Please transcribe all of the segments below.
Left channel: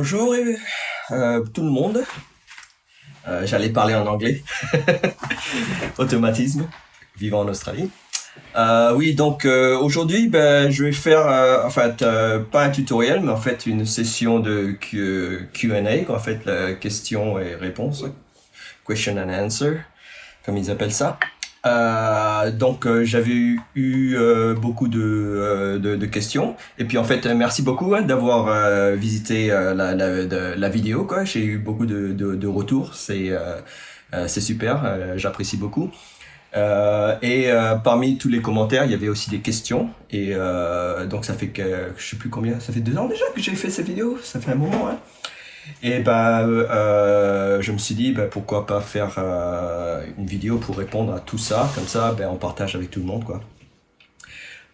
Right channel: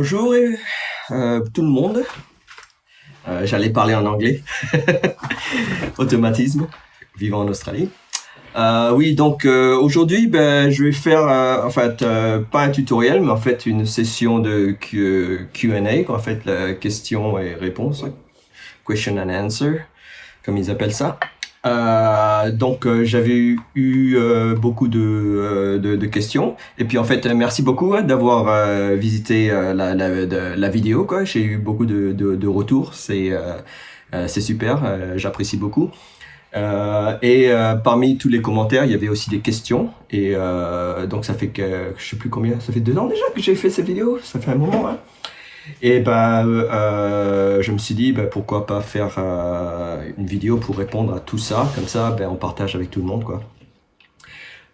Bonjour tout le monde. J'allais parler en anglais. Automatisme, vivant en Australie. Oui, donc aujourd'hui, je vais faire pas un tutoriel, mais en fait une session de Q&A, en fait la question et réponse, question and answer, comme ils appellent ça. J'avais eu beaucoup de questions et puis en fait merci beaucoup d'avoir visité la vidéo quoi. J'ai eu beaucoup de retours, c'est super, j'apprécie beaucoup. Parmi tous les commentaires il y avait aussi des questions et donc ça fait que je sais plus combien, ça fait 2 ans déjà que j'ai fait cette vidéo, ça fait un moment hein. Et je me suis dit pourquoi pas faire une vidéo pour répondre à tout ça, comme ça on partage avec tout le monde quoi.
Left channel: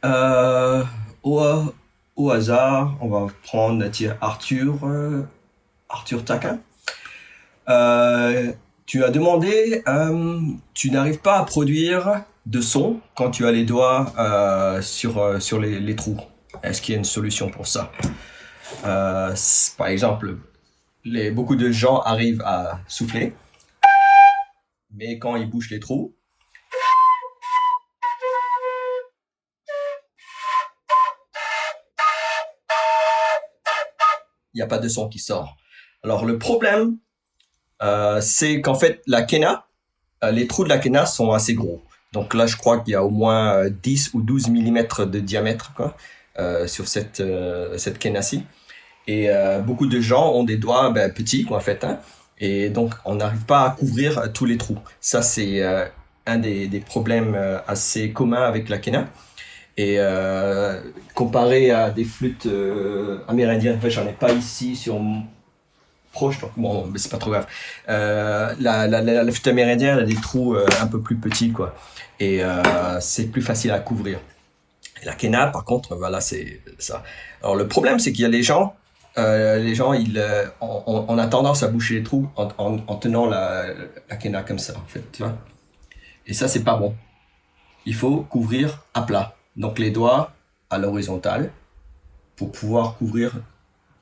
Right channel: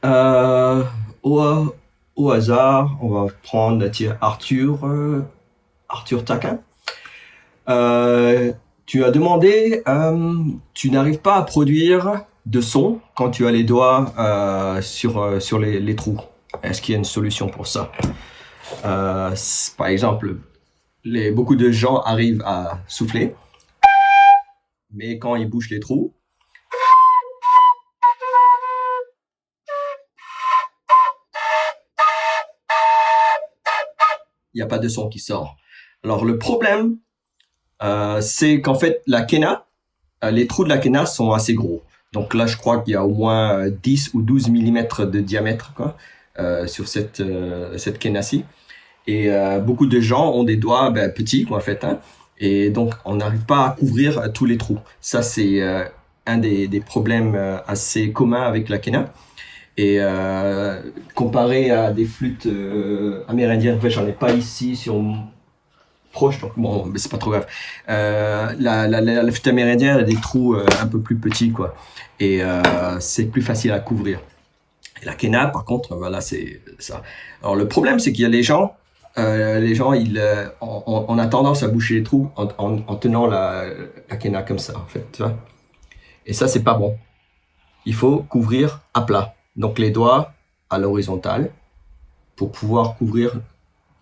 Euh, au, au hasard, on va prendre Arthur Taquin. Tu as demandé, tu n'arrives pas à produire de son quand tu as les doigts sur les trous. Est-ce qu'il y a une solution pour ça? Par exemple, beaucoup de gens arrivent à souffler, mais quand ils bouchent les trous, il n'y a pas de son qui sort. Alors le problème, c'est qu'en fait la quena, les trous de la quena sont assez gros. Donc là, je crois qu'il y a au moins 10 ou 12 mm de diamètre quoi, sur cette quena-ci. Et beaucoup de gens ont des doigts petits quoi, en fait, hein, et donc on n'arrive pas à couvrir tous les trous. Ça c'est un des problèmes assez communs avec la quena. Et comparé à des flûtes amérindiennes, en fait j'en ai pas ici sur mon proche, donc bon, mais c'est pas trop grave. La flûte amérindienne a des trous un peu plus petits quoi, et c'est plus facile à couvrir. Et la quena par contre, voilà, c'est ça. Alors le problème c'est qu'il y a les gens, on a tendance à boucher les trous en tenant la quena comme ça, en fait. Tu vois. Et ça, c'est pas bon. Il faut couvrir à plat. Donc les doigts à l'horizontale pour pouvoir couvrir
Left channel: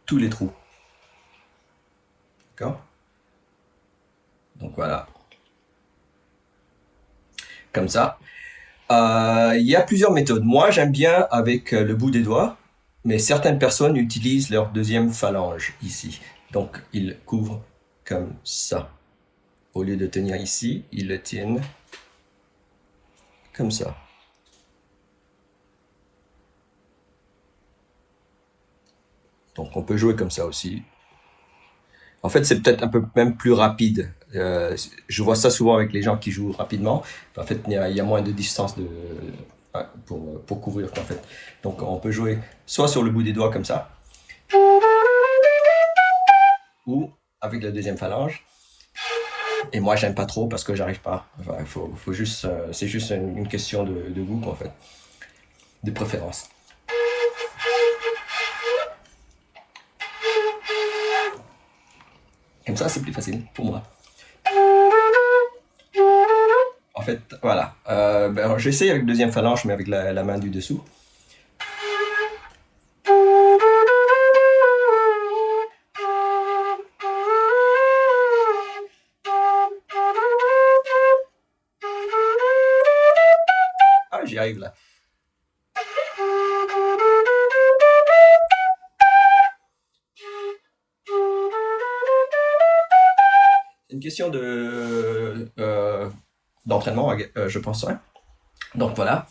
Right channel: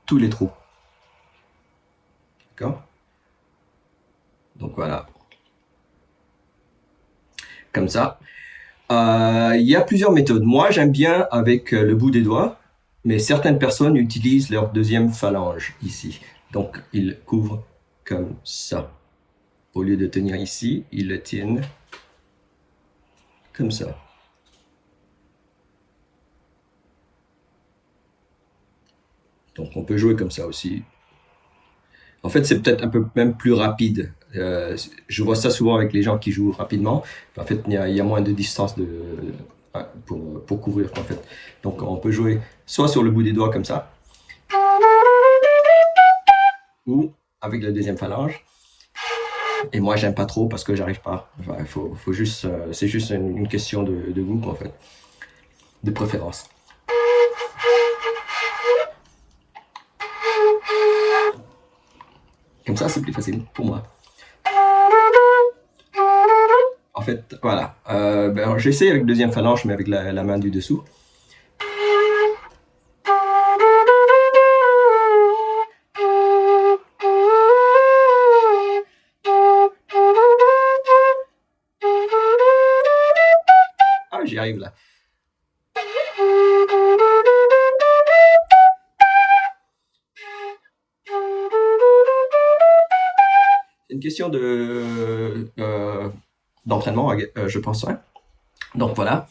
tous les trous. D'accord? Donc voilà. Comme ça. Il y a plusieurs méthodes. Moi, j'aime bien avec le bout des doigts. Mais certaines personnes utilisent leur deuxième phalange ici. Donc, ils couvrent comme ça. Au lieu de tenir ici, ils le tiennent comme ça. Donc, on peut jouer comme ça aussi. En fait, c'est peut-être un peu même plus rapide. Je vois ça souvent avec les gens qui jouent rapidement. En fait, il y a moins de distance pour couvrir en fait. Donc on peut jouer soit sur le bout des doigts comme ça, ou avec la deuxième phalange. Et moi j'aime pas trop parce que j'arrive pas. Enfin, faut juste, c'est juste une question de goût en fait, de préférence. Comme ça c'est plus facile pour moi. En fait, voilà. J'essaie avec deuxième phalange, mais avec la main du dessous. Ah, j'y arrive là. C'est une question d'entraînement, je pense. Hein. Donc voilà.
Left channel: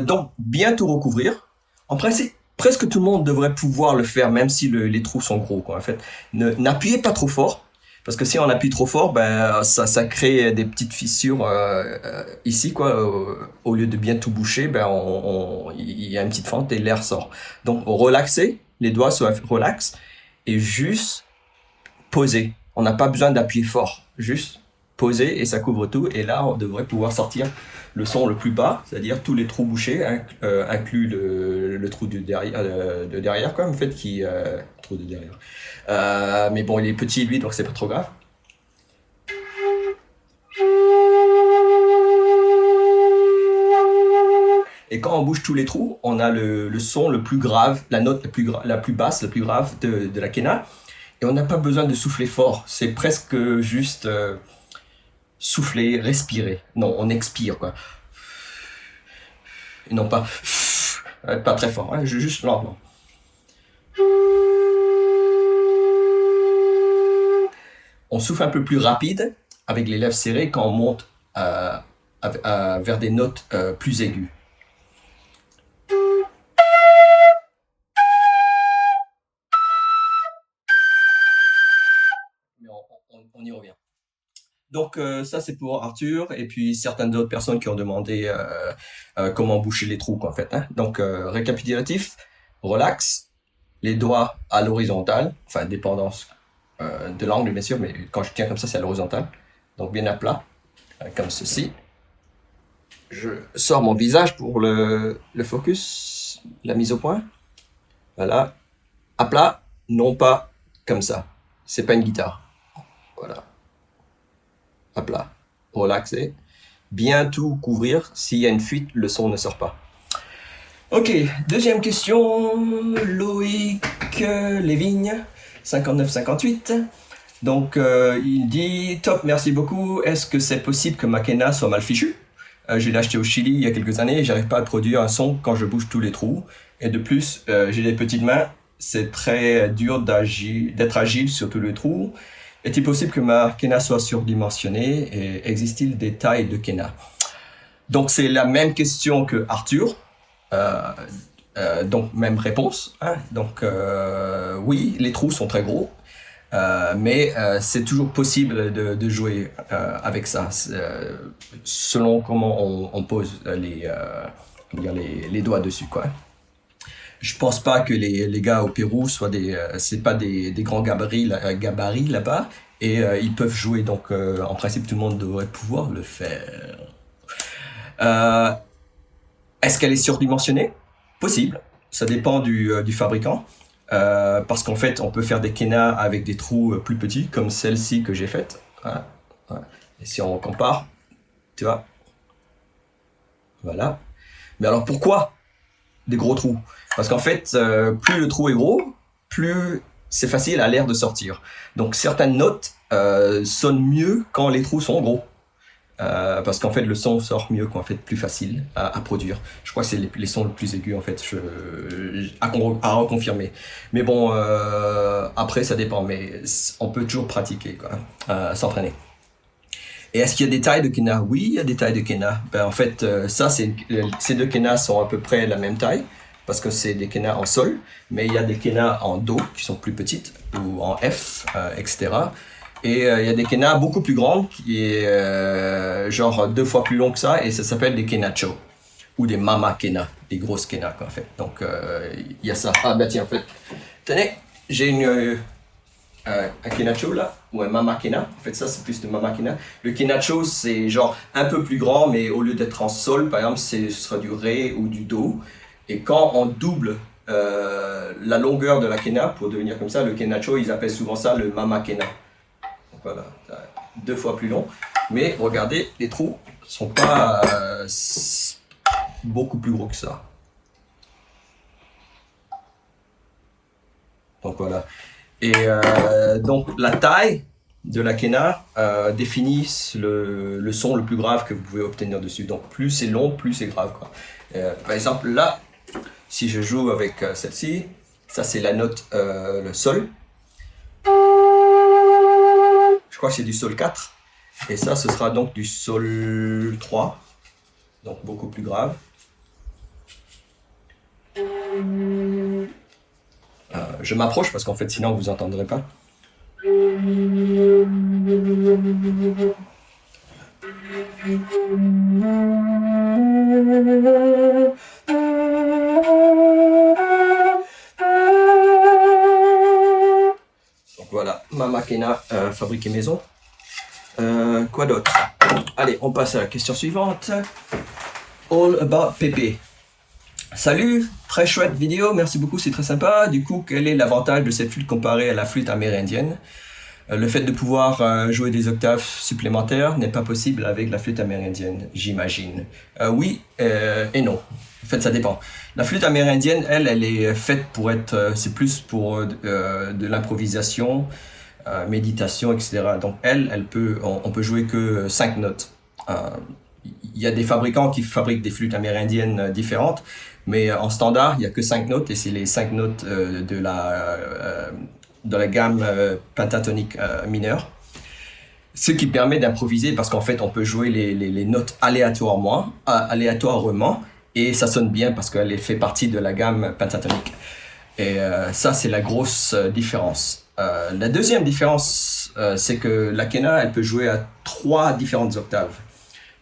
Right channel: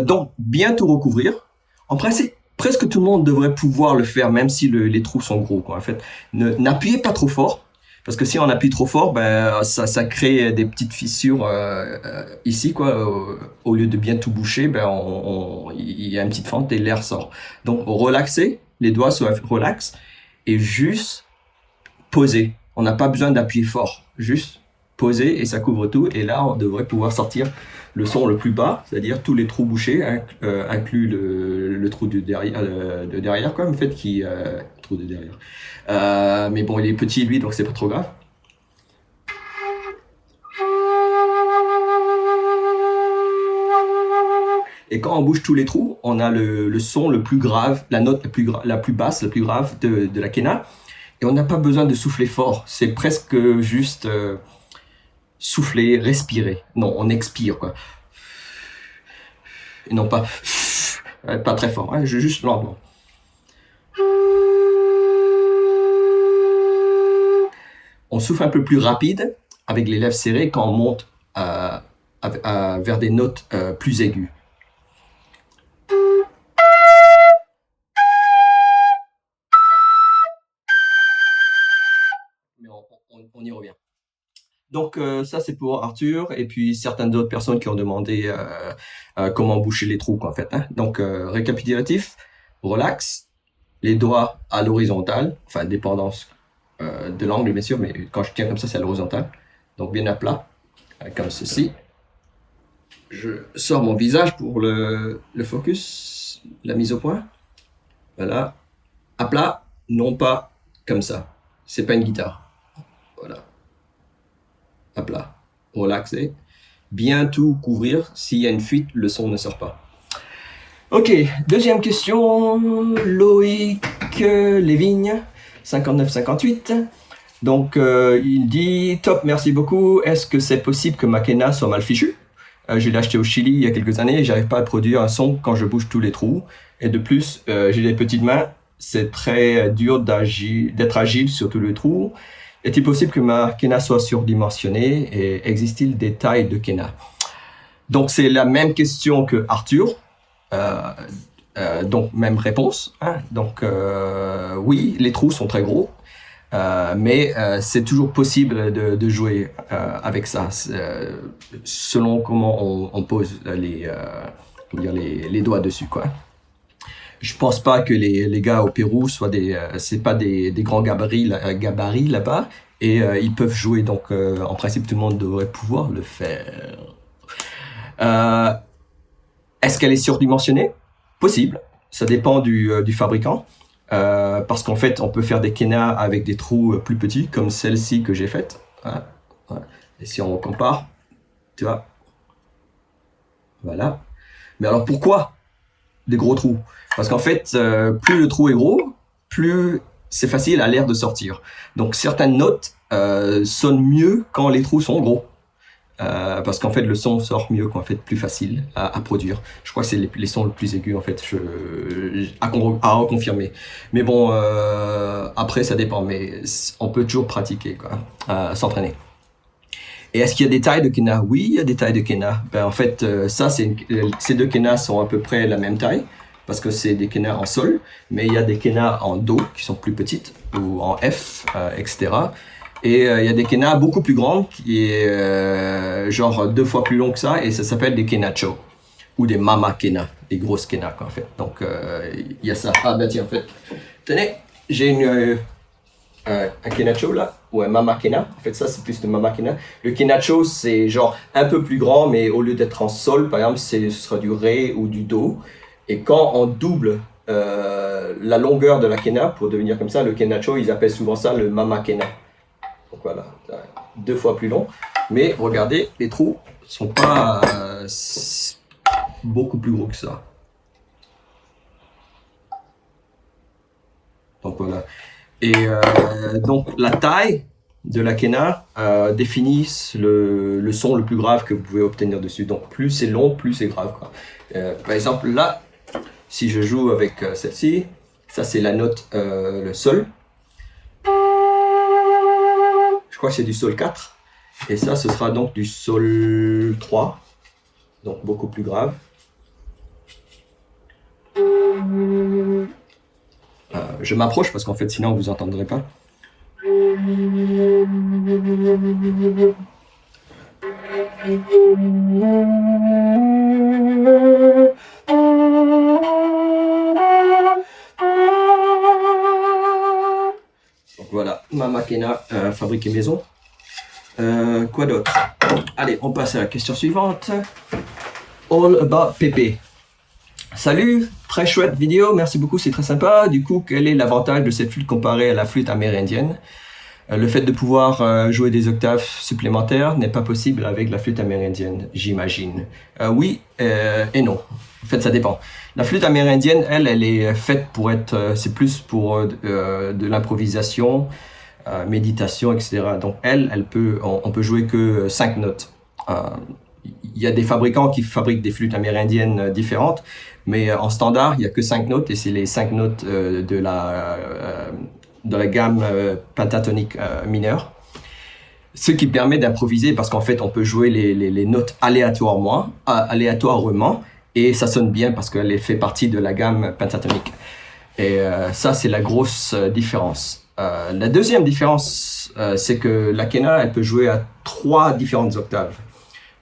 Donc bien tout recouvrir. En principe, presque tout le monde devrait pouvoir le faire, même si les trous sont gros. Quoi. En fait, n'appuyez pas trop fort, parce que si on appuie trop fort, ça crée des petites fissures ici, quoi. Au lieu de bien tout boucher, il y a une petite fente et l'air sort. Donc relaxez, les doigts soient relax et juste poser. On n'a pas besoin d'appuyer fort, juste poser et ça couvre tout. Et là, on devrait pouvoir sortir le son le plus bas, c'est-à-dire tous les trous bouchés, inclus le trou de derrière, quoi, en fait, trou de derrière. Mais bon, il est petit lui, donc c'est pas trop grave. Et quand on bouge tous les trous, on a le son le plus grave, la note la plus basse, la plus grave de la quena. Et on n'a pas besoin de souffler fort. C'est presque juste souffler, respirer. Non, on expire, quoi. Et non pas très fort, hein, juste lentement. On souffle un peu plus rapide avec les lèvres serrées quand on monte vers des notes plus aiguës. Mais on y revient. Donc ça c'est pour Arthur et puis certaines autres personnes qui ont demandé comment boucher les trous, quoi, en fait, hein. Donc récapitulatif, relax, les doigts à l'horizontale, enfin dépendance de l'angle bien sûr, mais quand je tiens comme ça c'est à l'horizontale, donc bien à plat, comme ceci. Je sors mon visage pour le focus, la mise au point, voilà, à plat, non pas comme ça, c'est pas une guitare, voilà, à plat, relaxé, bien tout couvrir, s'il y a une fuite, le son ne sort pas. Ok, deuxième question, Loïc Lévigne, 59-58. Donc, il dit « Top, merci beaucoup. Est-ce que c'est possible que ma quena soit mal fichue? Je l'ai acheté au Chili il y a quelques années et j'arrive pas à produire un son quand je bouge tous les trous. Et de plus, j'ai des petites mains. C'est très dur d'être agile sur tous les trous. Est-il possible que ma quena soit surdimensionnée et existe-t-il des tailles de quena ?» Donc, c'est la même question que Arthur. Donc, même réponse, hein. Donc, oui, les trous sont très gros. Mais c'est toujours possible de jouer avec ça, selon comment on pose les doigts dessus, quoi. Je pense pas que les gars au Pérou soient c'est pas des grands gabarits là-bas, et ils peuvent jouer, donc en principe tout le monde devrait pouvoir le faire. Est-ce qu'elle est surdimensionnée? Possible, ça dépend du fabricant. Parce qu'en fait, on peut faire des quenas avec des trous plus petits, comme celle-ci que j'ai faite. Voilà. Et si on compare, tu vois, voilà. Mais alors pourquoi des gros trous? Parce qu'en fait, plus le trou est gros, plus c'est facile à l'air de sortir. Donc certaines notes sonnent mieux quand les trous sont gros. Parce qu'en fait le son sort mieux, qu'en fait plus facile à produire. Je crois que c'est les sons les plus aigus, en fait, à reconfirmer. Mais bon, après ça dépend, mais on peut toujours pratiquer, quoi, s'entraîner. Et est-ce qu'il y a des tailles de quena? Oui, il y a des tailles de quena. Ben, en fait, ces deux quenas sont à peu près la même taille, parce que c'est des quenas en sol, mais il y a des quenas en do qui sont plus petites, ou en F, etc. Et il y a des quenas beaucoup plus grandes, qui est genre 2 fois plus long que ça, et ça s'appelle des quenacho, ou des mama quena, des grosses quenas, quoi, en fait. Donc il y a ça. Ah bah tiens, en fait, tenez, j'ai un quenacho là, ou un mama quena. En fait, ça c'est plus de mama quena. Le quenacho c'est genre un peu plus grand, mais au lieu d'être en sol, par exemple, ce sera du ré ou du do. Et quand on double la longueur de la quena pour devenir comme ça, le quenacho, ils appellent souvent ça le mama quena. Donc voilà, 2 fois plus long. Mais regardez, les trous sont pas beaucoup plus gros que ça. Donc voilà. Et donc la taille de la quena définit le son le plus grave que vous pouvez obtenir dessus. Donc plus c'est long, plus c'est grave, quoi. Par exemple là, si je joue avec celle-ci, ça c'est la note, le sol. Je crois que c'est du sol 4. Et ça, ce sera donc du sol 3. Donc beaucoup plus grave. Je m'approche parce qu'en fait, sinon vous n'entendrez pas. Donc voilà, mama quena fabriquée maison. Quoi d'autre? Allez, on passe à la question suivante. All about Pépé. Salut, très chouette vidéo, merci beaucoup, c'est très sympa. Du coup, quel est l'avantage de cette flûte comparée à la flûte amérindienne? Le fait de pouvoir jouer des octaves supplémentaires n'est pas possible avec la flûte amérindienne, j'imagine. Oui et non. En fait, ça dépend. La flûte amérindienne, elle est faite pour être... c'est plus pour de l'improvisation, méditation, etc. Donc, on peut jouer que 5 notes. Il y a des fabricants qui fabriquent des flûtes amérindiennes différentes, mais en standard, il n'y a que 5 notes, et c'est les 5 notes de la gamme pentatonique mineure. Ce qui permet d'improviser, parce qu'en fait, on peut jouer les notes aléatoirement, et ça sonne bien parce qu'elle fait partie de la gamme pentatonique. Et ça, c'est la grosse différence. La deuxième différence, c'est que la quena, elle peut jouer à 3 différentes octaves.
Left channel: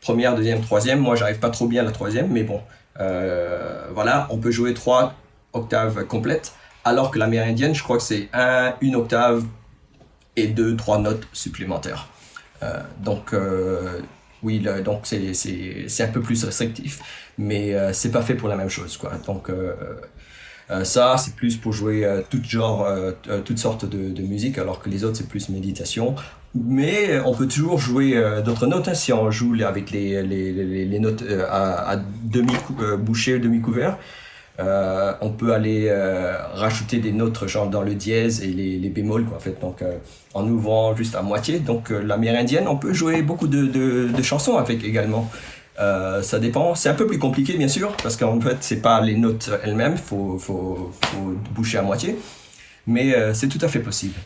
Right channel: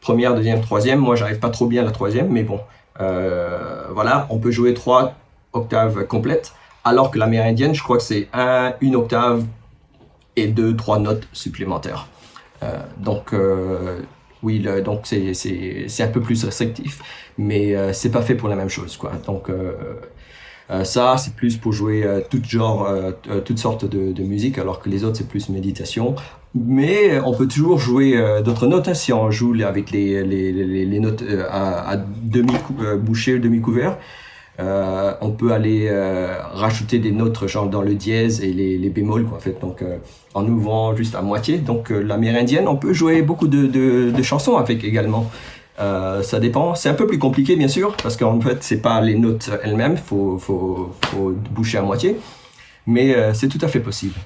Première, deuxième, troisième. Moi, j'arrive pas trop bien à la troisième, mais bon. Voilà, on peut jouer 3 octaves complètes, alors que l'amérindienne, je crois que c'est une octave et 2-3 notes supplémentaires. Donc, oui, donc c'est un peu plus restrictif, mais c'est pas fait pour la même chose, quoi. Donc, ça, c'est plus pour jouer toutes sortes de musique, alors que les autres, c'est plus méditation. Mais on peut toujours jouer d'autres notes, hein, si on joue avec les notes à demi-bouchées, demi-couvert. On peut aller rajouter des notes genre dans le dièse et les bémols, quoi, en fait. Donc, en ouvrant juste à moitié. Donc, l'amérindienne, on peut jouer beaucoup de chansons avec également. Ça dépend. C'est un peu plus compliqué, bien sûr, parce qu'en fait, c'est pas les notes elles-mêmes. Faut boucher à moitié. Mais c'est tout à fait possible.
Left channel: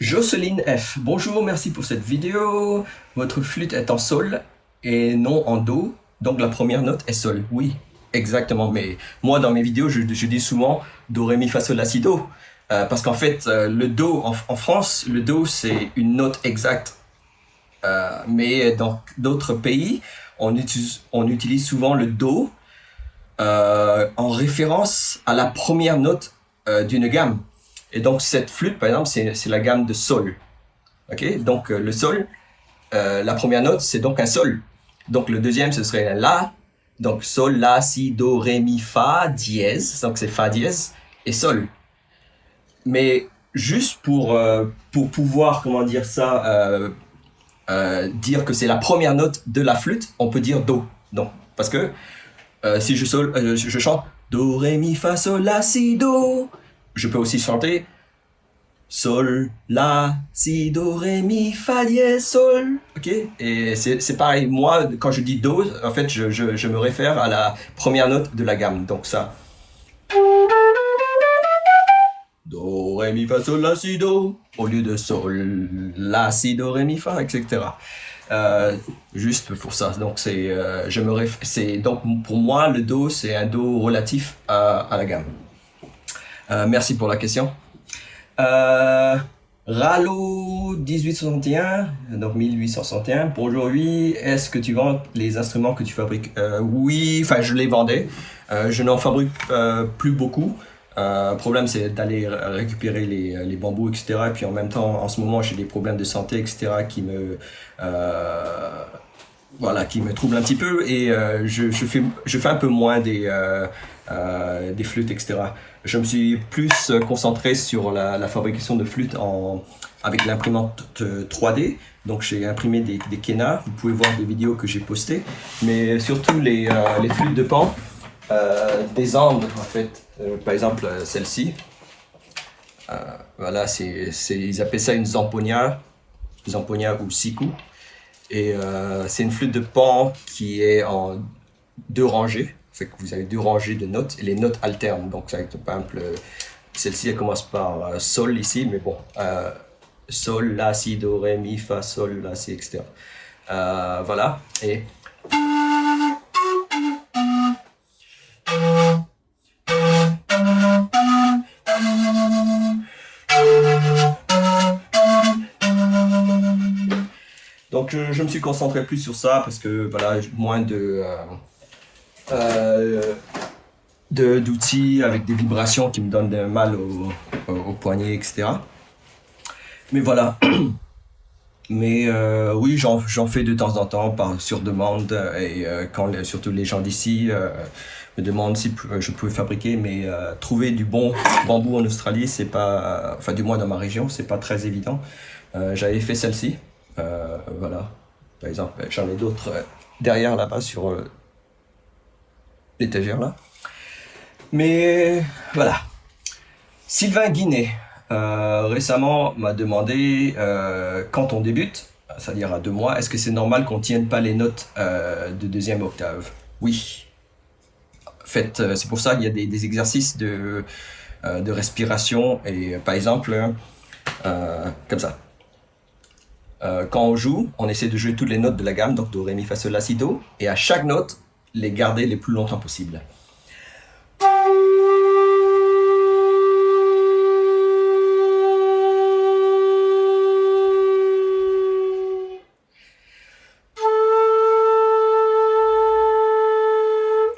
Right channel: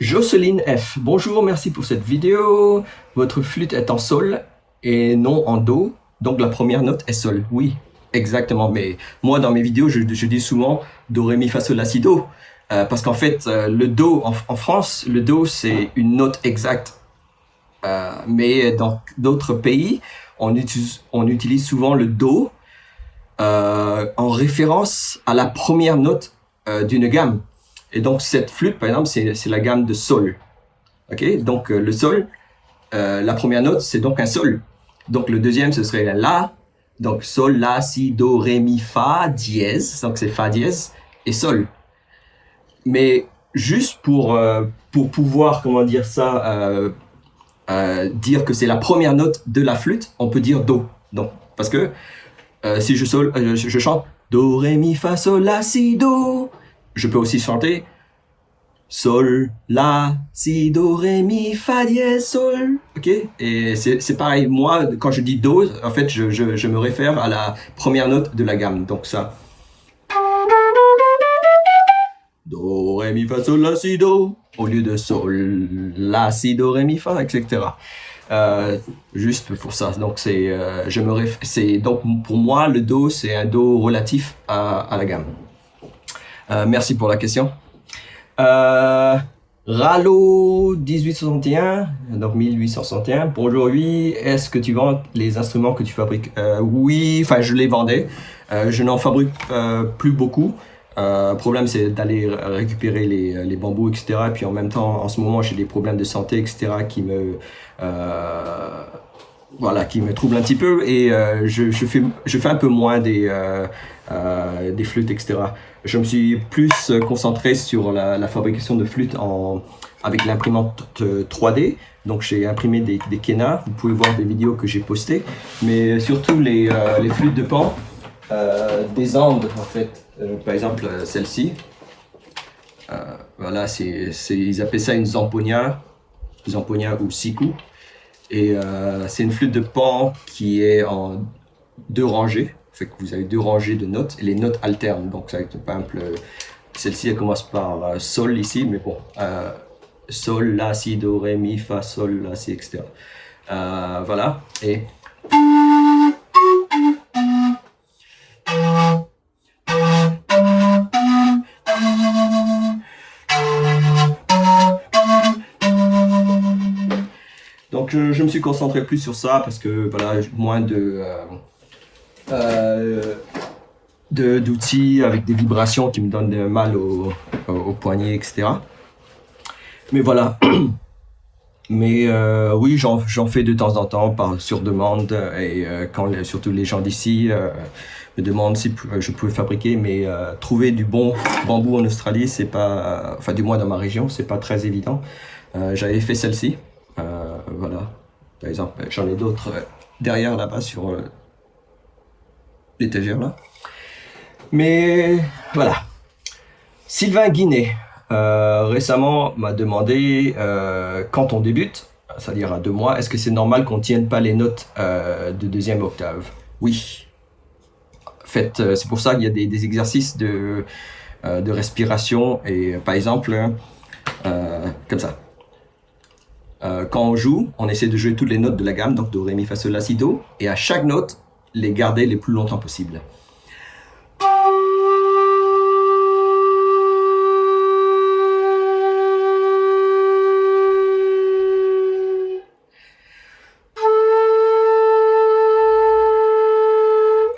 Jocelyne F. Bonjour, merci pour cette vidéo. Votre flûte est en sol et non en do. Donc la première note est sol. Oui, exactement. Mais moi, dans mes vidéos, je dis souvent do, ré, mi, fa, sol, la, si, do. Parce qu'en fait, le do, en France, le do, c'est une note exacte. Mais dans d'autres pays, on utilise souvent le do en référence à la première note d'une gamme. Et donc, cette flûte, par exemple, c'est la gamme de sol. Ok, donc, le sol, la première note, c'est donc un sol. Donc, le deuxième, ce serait la. Donc, sol, la, si, do, ré, mi, fa, dièse. Donc, c'est fa dièse et sol. Mais juste pour pouvoir, comment dire ça, dire que c'est la première note de la flûte, on peut dire do. Donc, parce que si je chante do, ré, mi, fa, sol, la, si, do. Je peux aussi chanter sol, la, si, do, ré, mi, fa, dièse, sol. Ok? Et c'est pareil. Moi, quand je dis do, en fait, je me réfère à la première note de la gamme. Donc ça. Do, ré, mi, fa, sol, la, si, do. Au lieu de sol, la, si, do, ré, mi, fa, etc. Juste pour ça. Donc donc pour moi, le do, c'est un do relatif à la gamme. Merci pour la question. Ralo 1861, donc 1861. Bonjour, oui. Est-ce que tu vends les instruments que tu fabriques? Oui, enfin, je les vendais. Je n'en fabrique plus beaucoup. Le problème, c'est d'aller récupérer les bambous, etc. Et puis en même temps, en ce moment, j'ai des problèmes de santé, etc. qui me troublent un petit peu. Et je fais un peu moins des flûtes, etc. Je me suis plus concentré sur la fabrication de flûtes avec l'imprimante 3D. Donc j'ai imprimé des quenas. Vous pouvez voir des vidéos que j'ai postées. Mais surtout les flûtes de pan, des Andes en fait. Par exemple celle-ci. Voilà, ils appellent ça une zamponia ou siku. Et c'est une flûte de pan qui est en 2 rangées. Fait que vous avez 2 rangées de notes et les notes alternent. Donc, par exemple, celle-ci, elle commence par sol ici, mais bon, sol, la, si, do, ré, mi, fa, sol, la, si, etc. Voilà. Et donc, je me suis concentré plus sur ça parce que voilà, moins d'outils avec des vibrations qui me donnent mal au poignet, etc. Mais voilà. Mais oui, j'en fais de temps en temps sur demande et surtout les gens d'ici me demandent si je pouvais fabriquer, mais trouver du bon bambou en Australie, c'est pas, enfin du moins dans ma région, c'est pas très évident. J'avais fait celle-ci, voilà. Par exemple, j'en ai d'autres derrière là-bas sur l'étagère là. Mais voilà. Sylvain Guinet, récemment, m'a demandé quand on débute, c'est-à-dire à 2 mois, est-ce que c'est normal qu'on tienne pas les notes de deuxième octave? Oui. En fait, c'est pour ça qu'il y a des exercices de respiration et par exemple, comme ça. Quand on joue, on essaie de jouer toutes les notes de la gamme, donc do, ré, mi, fa, sol, la, si, do, et à chaque note, les garder les plus longtemps possible.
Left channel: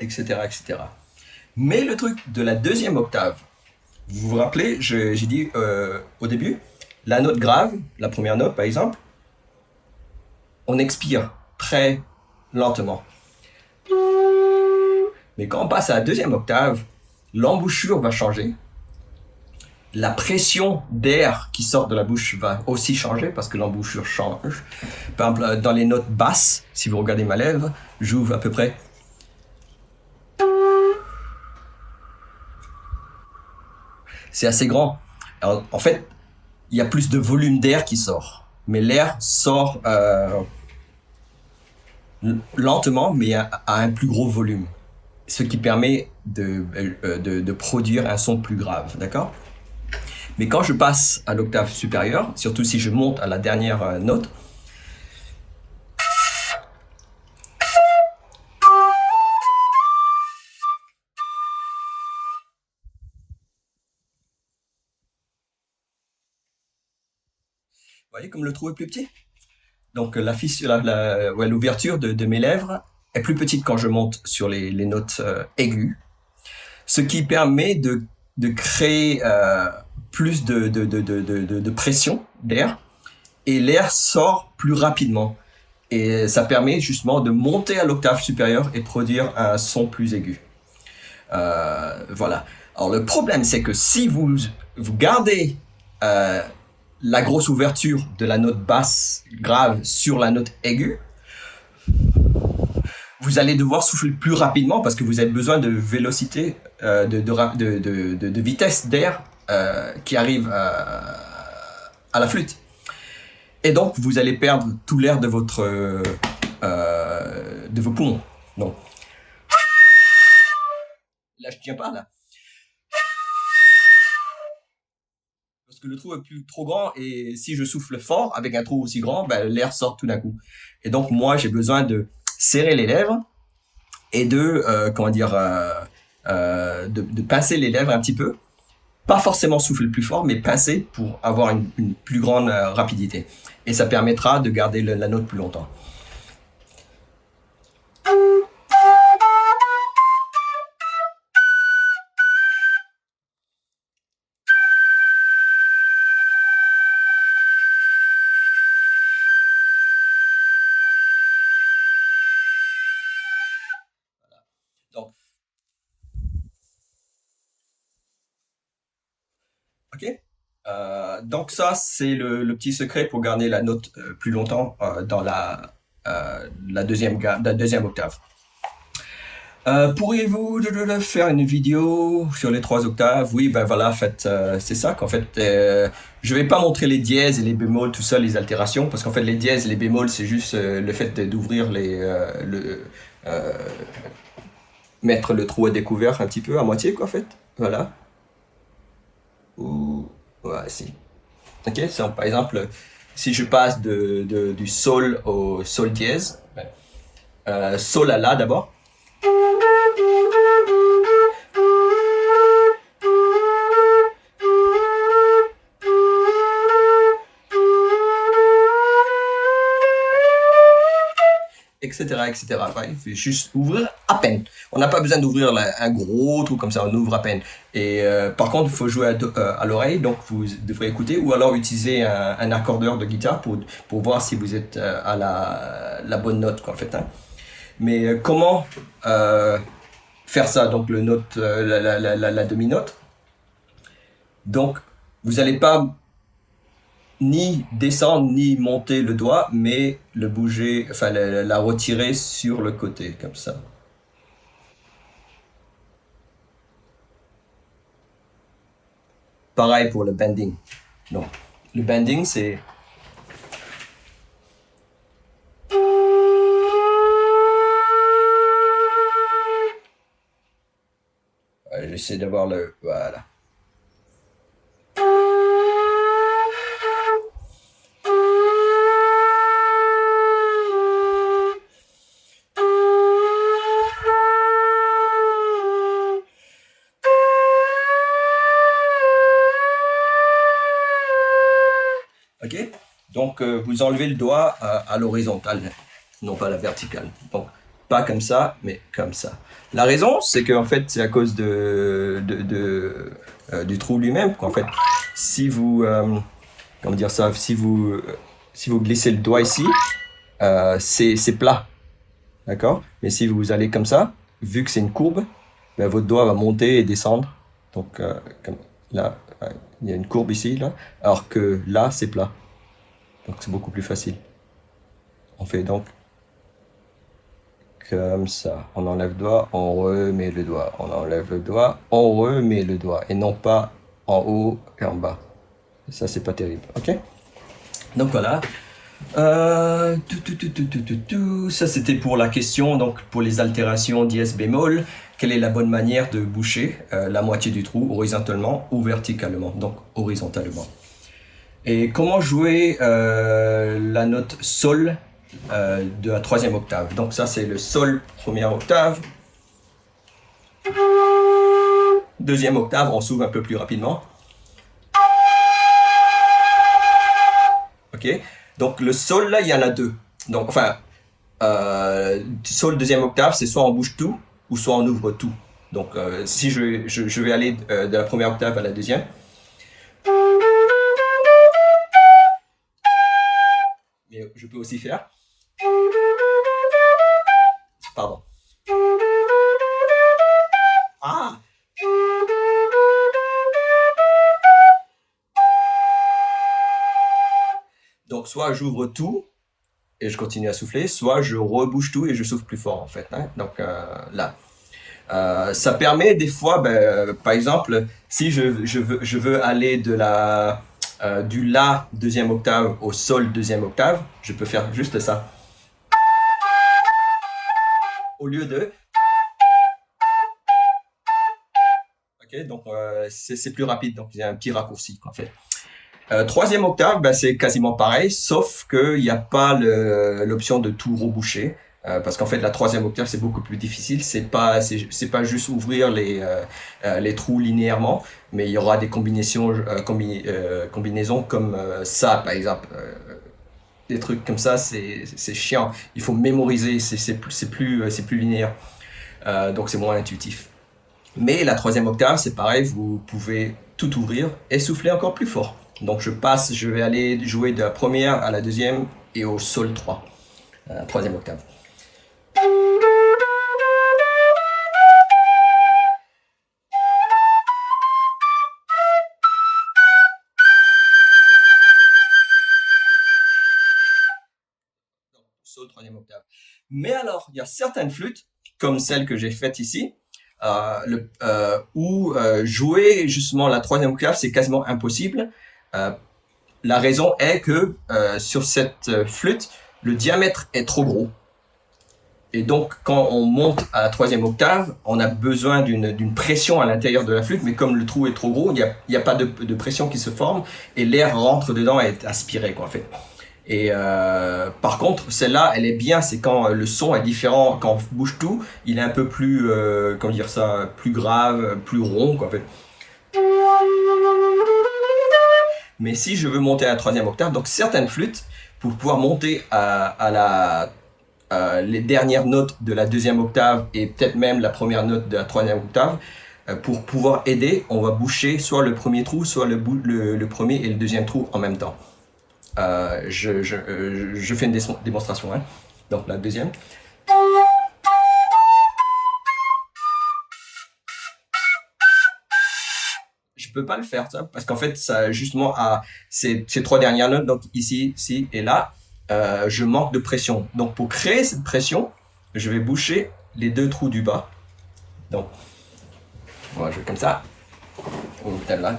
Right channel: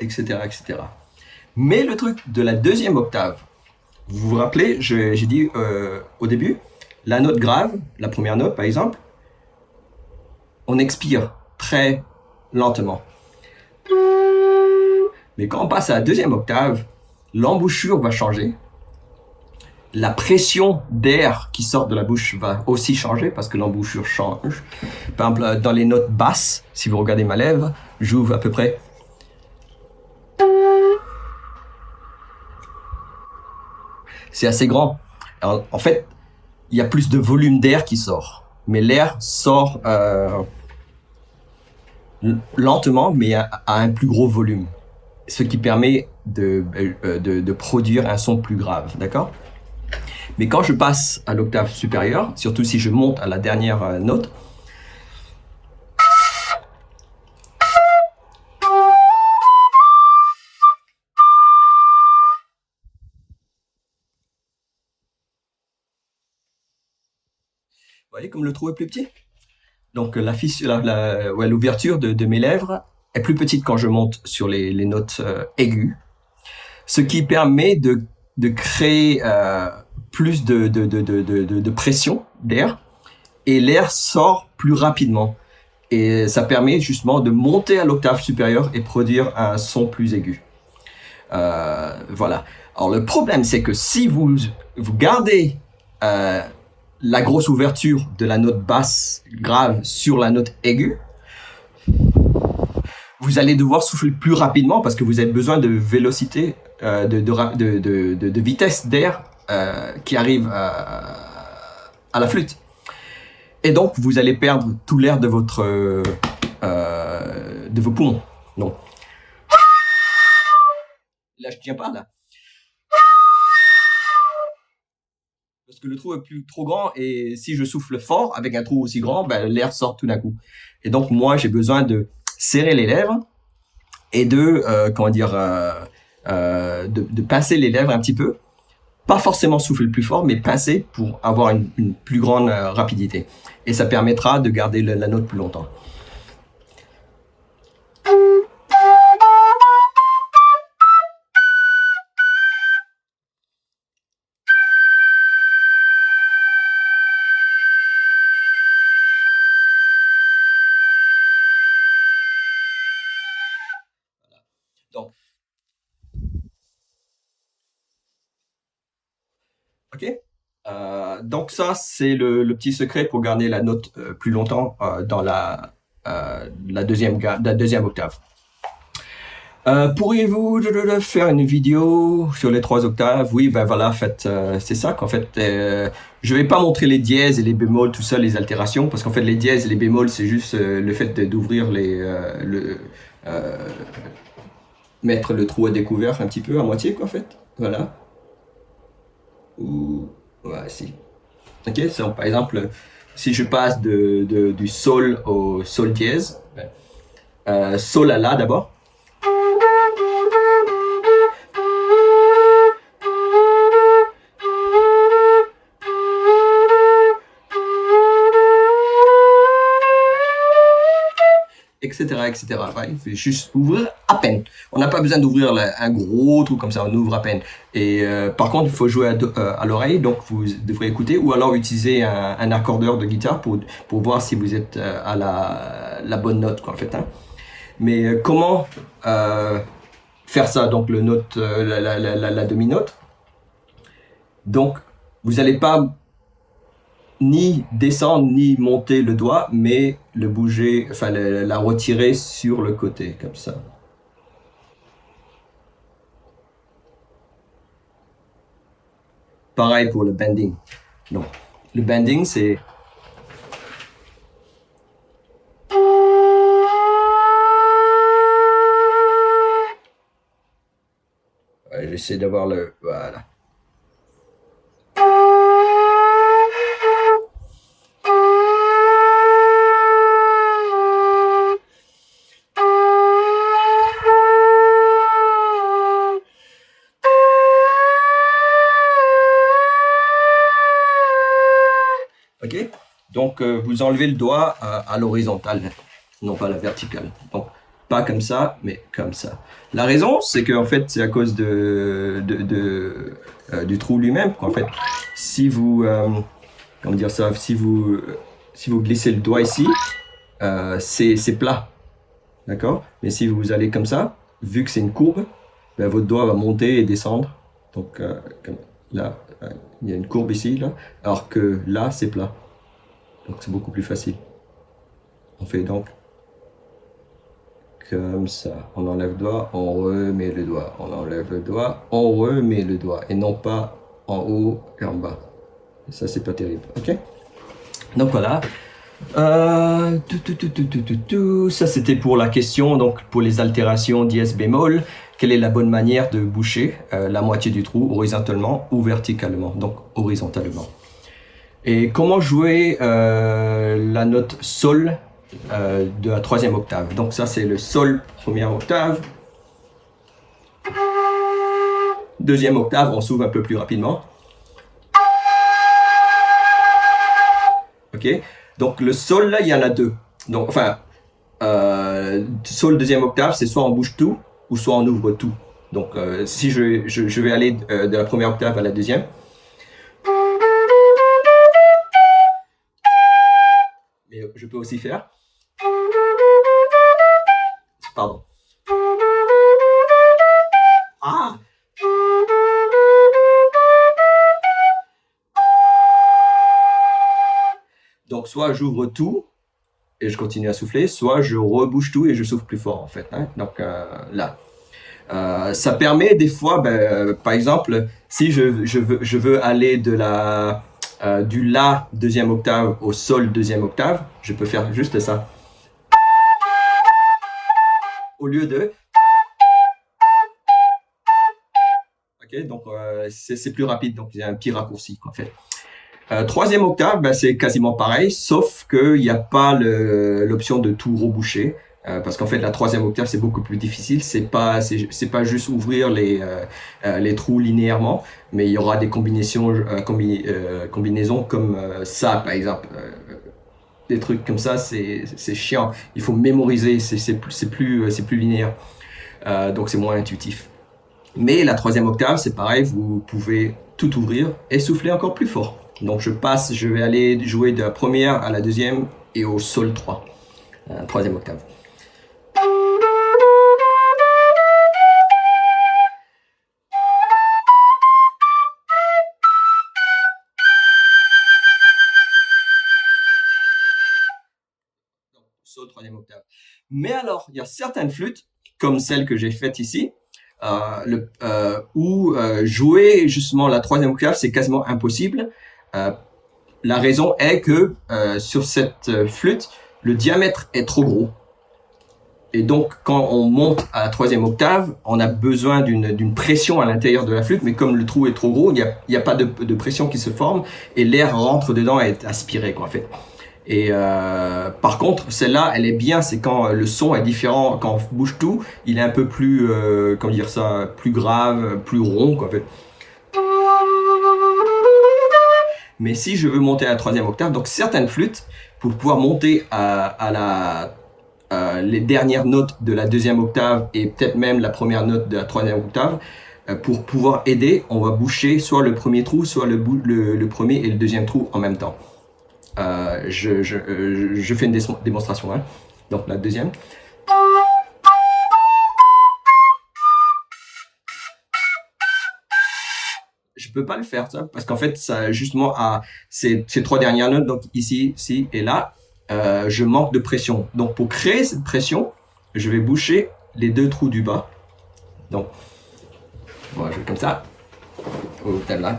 Etc., etc. Mais le truc de la deuxième octave, vous vous rappelez, j'ai dit au début, la note grave, la première note par exemple, on expire très lentement. Mais quand on passe à la deuxième octave, l'embouchure va changer. La pression d'air qui sort de la bouche va aussi changer parce que l'embouchure change. Par exemple, dans les notes basses, si vous regardez ma lèvre, j'ouvre à peu près. C'est assez grand. Alors, en fait, il y a plus de volume d'air qui sort. Mais l'air sort lentement, mais à un plus gros volume. Ce qui permet de produire un son plus grave, d'accord? Mais quand je passe à l'octave supérieure, surtout si je monte à la dernière note, vous voyez comme le trou est plus petit? Donc l'ouverture de mes lèvres est plus petite quand je monte sur les notes aiguës, ce qui permet de créer plus de pression d'air, et l'air sort plus rapidement. Et ça permet justement de monter à l'octave supérieure et produire un son plus aigu. Voilà. Alors le problème, c'est que si vous gardez la grosse ouverture de la note basse grave sur la note aiguë, vous allez devoir souffler plus rapidement parce que vous avez besoin de vélocité, de vitesse d'air qui arrive à la flûte. Et donc, vous allez perdre tout l'air de vos poumons. Donc, là, je tiens pas, là. Parce que le trou est trop grand et si je souffle fort avec un trou aussi grand, ben, l'air sort tout d'un coup. Et donc, moi, j'ai besoin de serrer les lèvres et de pincer les lèvres un petit peu. Pas forcément souffler plus fort, mais pincer pour avoir une plus grande rapidité. Et ça permettra de garder la note plus longtemps. Donc, ok. Donc ça, c'est le petit secret pour garder la note plus longtemps dans la deuxième octave. Pourriez-vous faire une vidéo sur les 3 octaves? Oui, ben voilà, en fait, c'est ça qu'en fait, je vais pas montrer les dièses et les bémols, tout ça, les altérations, parce qu'en fait, les dièses et les bémols, c'est juste le fait d'ouvrir mettre le trou à découvert un petit peu, à moitié, quoi, en fait. Voilà. Ou, ouais, si. Ok, donc, par exemple, si je passe du sol au sol dièse, sol à la d'abord. Etc., etc. Ouais, il faut juste ouvrir à peine. On n'a pas besoin d'ouvrir un gros truc comme ça, on ouvre à peine. Et par contre, il faut jouer à l'oreille, donc vous devrez écouter, ou alors utiliser un accordeur de guitare pour voir si vous êtes à la bonne note, quoi, en fait. Hein. Mais comment faire ça, donc le note, la demi-note. Donc, vous n'allez pas ni descendre ni monter le doigt, mais le bouger, enfin la retirer sur le côté, comme ça. Pareil pour le bending. Donc, le bending, c'est... J'essaie d'avoir le... Voilà. Ok, donc vous enlevez le doigt à l'horizontale, non pas à la verticale. Donc pas comme ça, mais comme ça. La raison, c'est qu'en fait, c'est à cause du trou lui-même. En fait, si vous, comment dire ça, si vous glissez le doigt ici, c'est plat, d'accord. Mais si vous allez comme ça, vu que c'est une courbe, ben, votre doigt va monter et descendre. Donc comme là, il y a une courbe ici, là, alors que là, c'est plat. Donc c'est beaucoup plus facile. On fait donc comme ça. On enlève le doigt, on remet le doigt. On enlève le doigt, on remet le doigt. Et non pas en haut et en bas. Ça, c'est pas terrible. Ok? Donc voilà. Ça, c'était pour la question. Donc pour les altérations dièse bémol. Quelle est la bonne manière de boucher la moitié du trou horizontalement ou verticalement? Donc horizontalement. Et comment jouer la note sol de la troisième octave? Donc ça, c'est le sol première octave. Deuxième octave, on s'ouvre un peu plus rapidement. Ok. Donc le sol, là, il y en a deux. Donc, enfin, sol deuxième octave, c'est soit on bouge tout, ou soit on ouvre tout. Donc si je vais aller de la première octave à la deuxième. Mais je peux aussi faire. Pardon. Ah! Donc soit j'ouvre tout et je continue à souffler, soit je rebouche tout et je souffle plus fort en fait. Hein. Donc là. Ça permet des fois, ben, par exemple, si je veux aller de du La deuxième octave au Sol deuxième octave, je peux faire juste ça. Au lieu de... Ok, donc c'est plus rapide, donc il y a un petit raccourci en fait. Troisième octave, ben, c'est quasiment pareil, sauf qu'il n'y a pas l'option de tout reboucher. Parce qu'en fait, la troisième octave, c'est beaucoup plus difficile. C'est pas juste ouvrir les trous linéairement, mais il y aura des combinaisons comme ça, par exemple. Des trucs comme ça, c'est chiant. Il faut mémoriser, c'est plus linéaire. Donc, c'est moins intuitif. Mais la troisième octave, c'est pareil, vous pouvez tout ouvrir et souffler encore plus fort. Donc, je vais aller jouer de la première à la deuxième et au Sol 3, troisième octave. Sol, troisième octave. Mais alors, il y a certaines flûtes, comme celle que j'ai faite ici, où jouer justement la troisième octave, c'est quasiment impossible. La raison est que sur cette flûte, le diamètre est trop gros. Et donc, quand on monte à la troisième octave, on a besoin d'une pression à l'intérieur de la flûte, mais comme le trou est trop gros, il n'y a pas de pression qui se forme, et l'air rentre dedans et est aspiré, quoi, en fait. Et par contre, celle-là, elle est bien, c'est quand le son est différent, quand on bouge tout, il est un peu plus, comment dire ça, plus grave, plus rond, quoi, en fait. Mais si je veux monter à la troisième octave, donc certaines flûtes, pour pouvoir monter à les dernières notes de la deuxième octave et peut-être même la première note de la troisième octave. Pour pouvoir aider, on va boucher soit le premier trou, soit le premier et le deuxième trou en même temps. Je fais une démonstration. Hein. Donc la deuxième. Je peux pas le faire ça parce qu'en fait ça justement à ces trois dernières notes, donc ici, ici et là, je manque de pression. Donc pour créer cette pression, je vais boucher les deux trous du bas. Donc on va jouer comme ça ou tel là.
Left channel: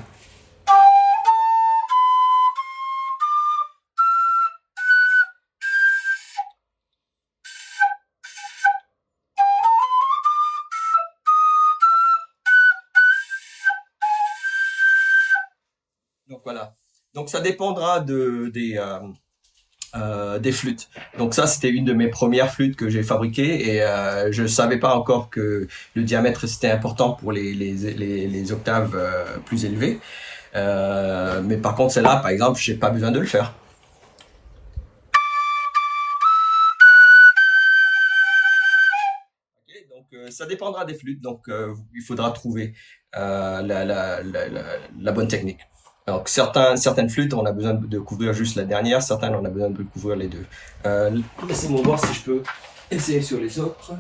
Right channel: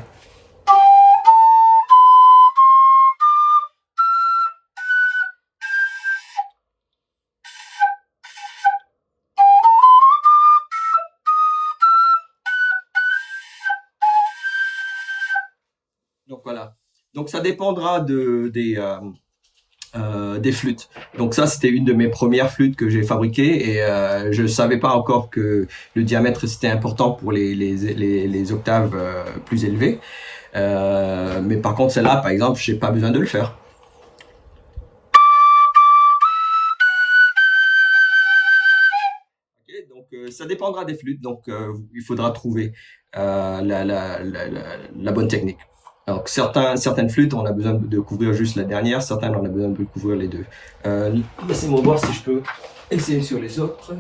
Donc voilà. Donc ça dépendra des flûtes. Donc ça, c'était une de mes premières flûtes que j'ai fabriquées et je savais pas encore que le diamètre c'était important pour les octaves plus élevées. Mais par contre, celle-là, par exemple, j'ai pas besoin de le faire. Okay, donc ça dépendra des flûtes. Donc il faudra trouver la bonne technique. Donc certaines flûtes, on a besoin de couvrir juste la dernière, certaines, on a besoin de couvrir les deux. Laissez-moi voir si je peux essayer sur les autres.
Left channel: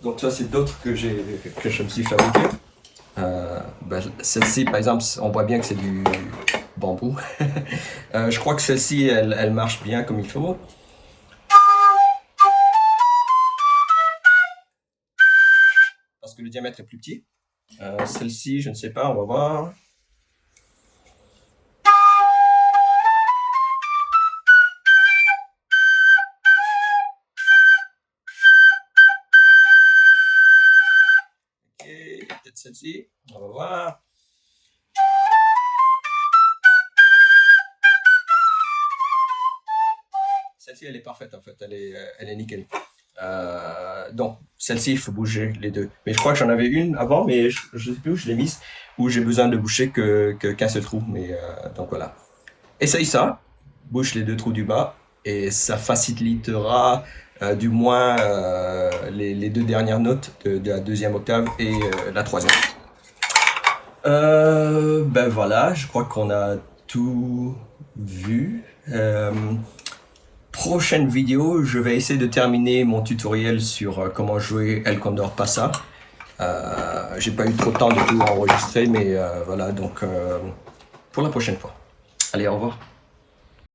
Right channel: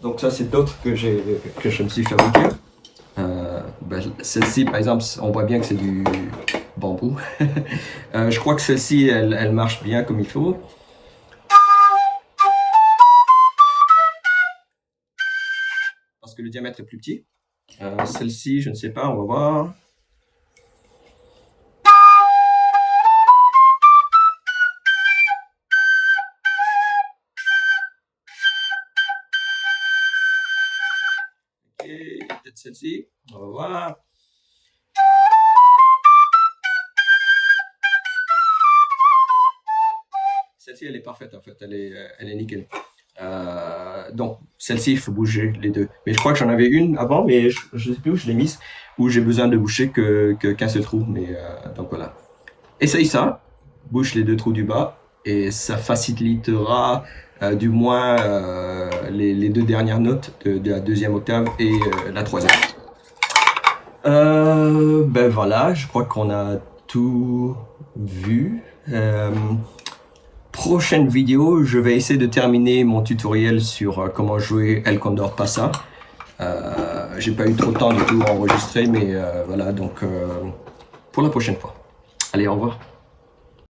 Donc ça, c'est d'autres que je me suis fabriqué. Celle-ci, par exemple, on voit bien que c'est du bambou. Je crois que celle-ci, elle marche bien comme il faut. Parce que le diamètre est plus petit. Celle-ci, je ne sais pas, on va voir. Peut-être celle-ci, on va voir. Celle-ci, elle est parfaite en fait, elle est nickel. Donc celle-ci, il faut bouger les deux. Mais je crois que j'en avais une avant, mais je ne sais plus où je l'ai mise, où j'ai besoin de boucher qu'un seul trou. Mais donc voilà. Essaye ça, bouche les deux trous du bas, et ça facilitera du moins les deux dernières notes de la deuxième octave et la troisième. Ben voilà, je crois qu'on a tout vu. Prochaine vidéo, je vais essayer de terminer mon tutoriel sur comment jouer El Condor Pasa. J'ai pas eu trop de temps de tout enregistrer, mais voilà, donc pour la prochaine fois. Allez, au revoir.